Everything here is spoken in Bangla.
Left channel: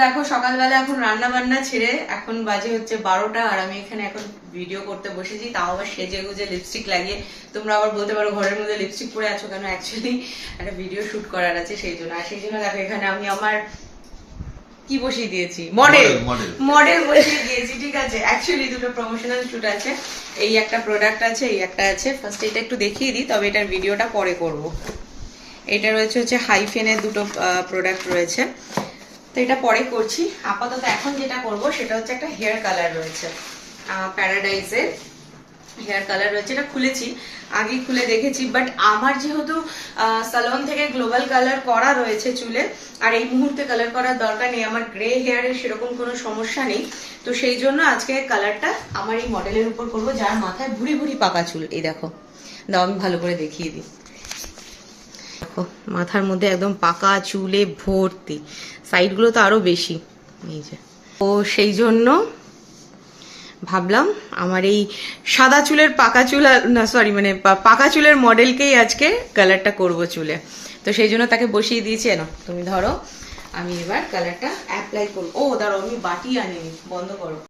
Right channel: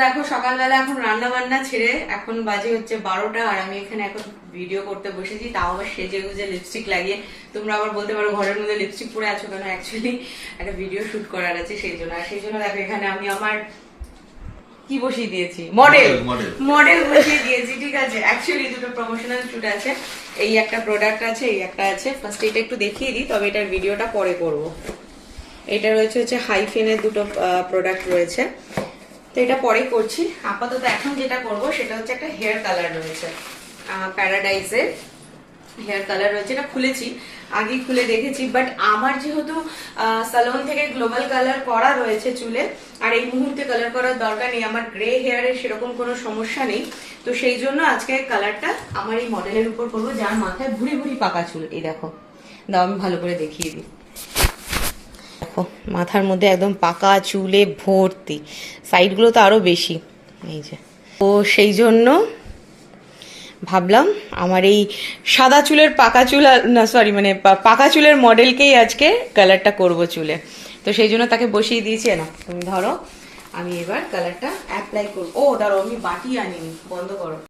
দেখো সকালবেলা এখন রান্না বান্না ছেড়ে এখন বাজে হচ্ছে 12টা, আর আমি এখানে এখন ভিডিও করতে বসেছি, তাও আবার সেজে গুজে লিপস্টিক লাগিয়ে। তোমরা আবার বলতে পারো ঘরের মধ্যে লিপস্টিক পরে আছো কেন, অ্যাকচুয়ালি একটা ভিডিও শুট করার আছে সেই জন্য। আর সেই জন্য দেখো এখানে আমি আমার কি বসিয়ে দিয়েছি, মডেল বসিয়ে দিয়েছি, ঠিক আছে। অ্যাকচুয়ালি দুটো প্রমোশনাল শুট আছে, এই একটা প্রোডাক্ট আছে, এই একটা আছে। ফার্স্ট এটা একটু দেখিয়ে দিই, তবে এটার ভিডিওটা পরে করব। এটা রয়েছে হচ্ছে হাইফেনের দুটো প্রোডাক্ট রয়েছে, তো এটা পরে করছি। আপাতত এখন যেটা করব সেটা হচ্ছে একটা হেয়ার কালার রয়েছে, প্যারাডাইসের হেয়ার কালার রয়েছে। এটা খুলেছি, আগেই খুলে দেখেছি, বাট আমার যেহেতু সালন থেকে গ্লোবাল কালার করা রয়েছে চুলে, আর এই মুহূর্তে কালার করার দরকার নেই, আমার গ্রে হেয়ারের সেরকম কোনো সমস্যা নেই, তো সেই জন্য আজকে কালারটা আমার এই মডেলের উপর করবো, যার মাথায় ভুড়ি ভুড়ি পাকা চুল। এই দেখো, দাও আমি ভালো করে দেখিয়ে দিই। দেখো মাথার মধ্যে একদম পাকা চুলে ভর্তি, সাইডগুলো তো আরো বেশি, এই যে। তো সেই জন্য ভাবলাম আমার এই সাদা চুলের পাকা চুল, না সরি মানে পাকা চুলের মডেলকেই আজকে কালারটা করব চুলে। তো সেই জন্য তাকে বসিয়ে দিয়েছি। না তুমি ধরো, আমি এবার কালারটা অ্যাপ্লাই করবো। ও দাঁড়ো, আমি বাটি আনিনি, বন্ধ করো।